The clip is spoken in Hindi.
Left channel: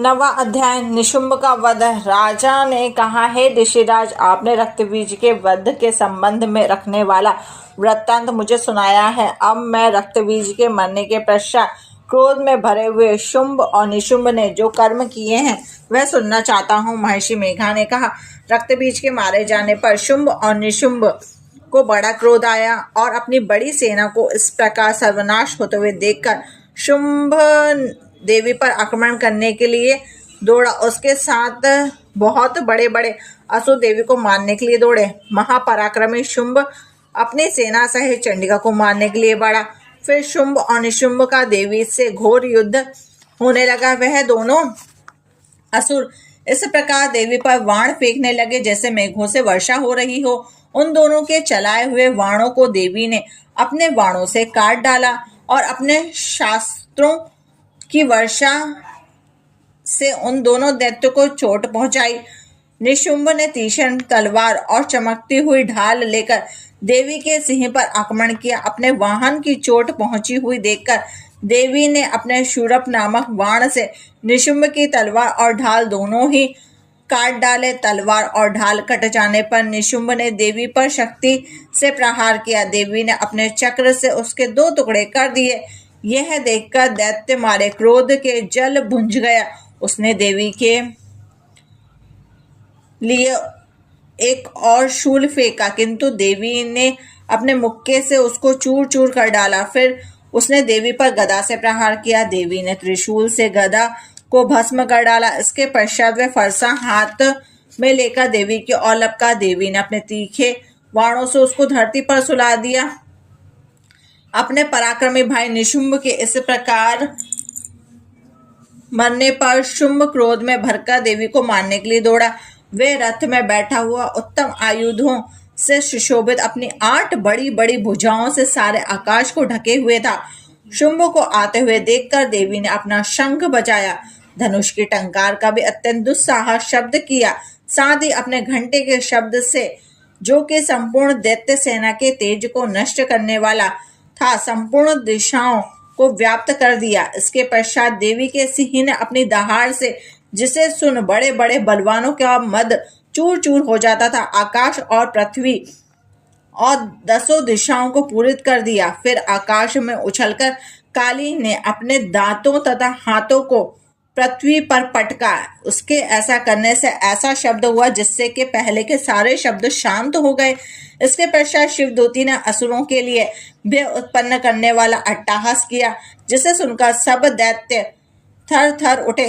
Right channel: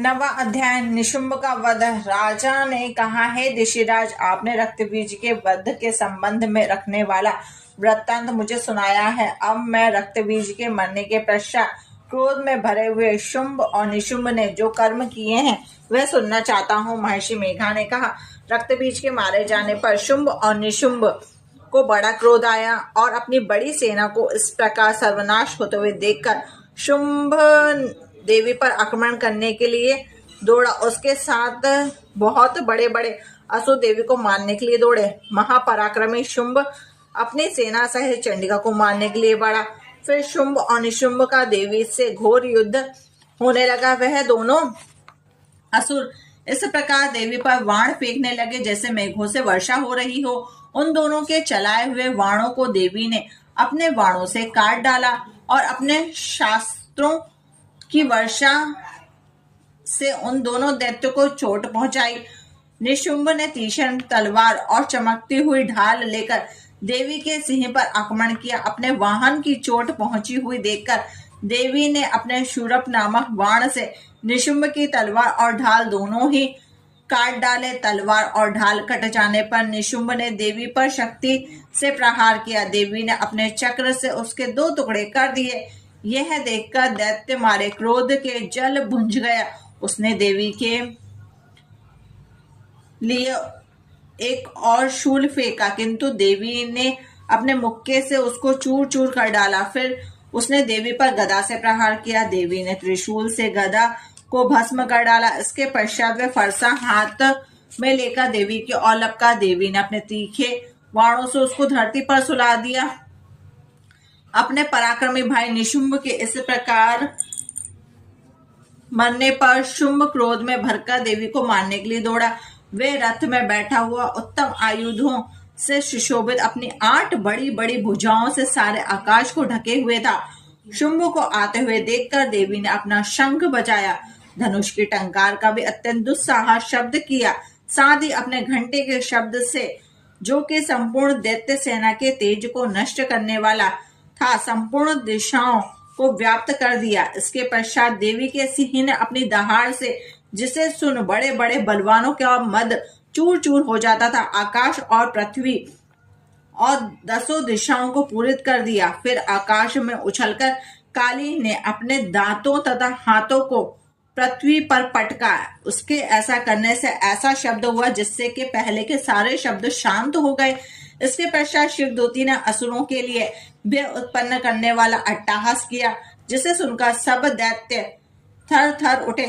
नवा अध्याय निशुंभ का वध। राजा ने कहा, हे ऋषिराज, आपने रक्तबीज के वध के संबंध में रखने वाला वृत्तांत मुझे सुनाया है। अब मैं रक्तबीज के मरने के पश्चात क्रोध में भरे हुए शुंभ और निशुंभ ने जो कर्म किए हैं वह सुनना चाहता हूँ। महर्षि मेघा ने कहा, रक्तबीज के मारे जाने पर शुंभ और निशुंभ को बड़ा क्रोध आया और अपनी बड़ी सेना को इस प्रकार सर्वनाश होते हुए देखकर शुंभ देवी पर आक्रमण करने के लिए दौड़ा। उसके साथ बहुत बड़े बड़े असुर देवी को मारने के लिए दौड़े। महापराक्रमी शुंभ अपनी सेना सहित चंडिका को मारने के लिए बढ़ा। फिर शुंभ और निशुंभ का देवी से घोर युद्ध होने लगा। वह दोनों असुर इस प्रकार देवी पर वाण फेंकने लगे जैसे मेघों से वर्षा हो रही हो। उन दोनों के चलाए हुए वाणों को देवी ने अपने वाणों से काट डाला और अपने शास्त्रों की वर्षा से उन दोनों दैत्यों को चोट पहुंचाई। निशुंभ ने तीक्ष्ण तलवार और चमकती हुई ढाल लेकर देवी के सिंह पर आक्रमण किया। अपने वाहन की चोट पहुंची हुई देखकर देवी ने अपने शूरप नामक बाण से निशुंभ की तलवार और ढाल दोनों ही काट डाले। तलवार और ढाल कट जाने पर निशुंभ ने देवी पर शक्ति से प्रहार किया। देवी ने अपने चक्र से उसके 2 टुकड़े कर दिए। यह देखकर दैत्य मारे क्रोध के जल भुंज गया। उसने देवी के लिए एक और शूल फेंका, किंतु देवी ने अपने मुक्के से उसको चूर चूर कर डाला। फिर उसने देवी पर गदा से प्रहार किया। देवी ने त्रिशूल से गदा को भस्म कर डाला। इसके पश्चात वह फरसा हाथ में लेकर देवी की ओर लपका। देवी ने अपने तीखे बाणों से उसको धरती पर सुला दिया। अपने पराक्रमी भाई निशुंभ के इस प्रकार मरने पर शुंभ क्रोध में भरकर देवी को मारने के लिए दौड़ा। वे रथ में बैठा हुआ उत्तम आयुधों से सुशोभित अपनी 8 बड़ी बड़ी भुजाओं से सारे आकाश को ढके हुए था। शुंभ को आते हुए देखकर देवी ने अपना शंख बजाया, धनुष की टंकार का भी अत्यंत दुस्साहस शब्द किया, साथ ही अपने घंटे के शब्द से, जो कि संपूर्ण दैत्य सेना के तेज को नष्ट करने वाला था, संपूर्ण दिशाओं को व्याप्त कर दिया। इसके पश्चात देवी के सिंह ने अपनी दहाड़ से, जिसे सुन बड़े बड़े बलवानों का मद चूर चूर हो जाता था, आकाश और पृथ्वी और 10 दिशाओं को पूरित कर दिया। फिर आकाश में उछलकर काली ने अपने दांतों तथा हाथों को पृथ्वी पर पटका। उसके ऐसा करने से ऐसा शब्द हुआ जिससे कि पहले के सारे शब्द शांत हो गए। इसके पश्चात शिवदूती ने असुरों के लिए भय उत्पन्न करने वाला अट्टहास किया, जिसे सुनकर सब दैत्य थर थर उठे।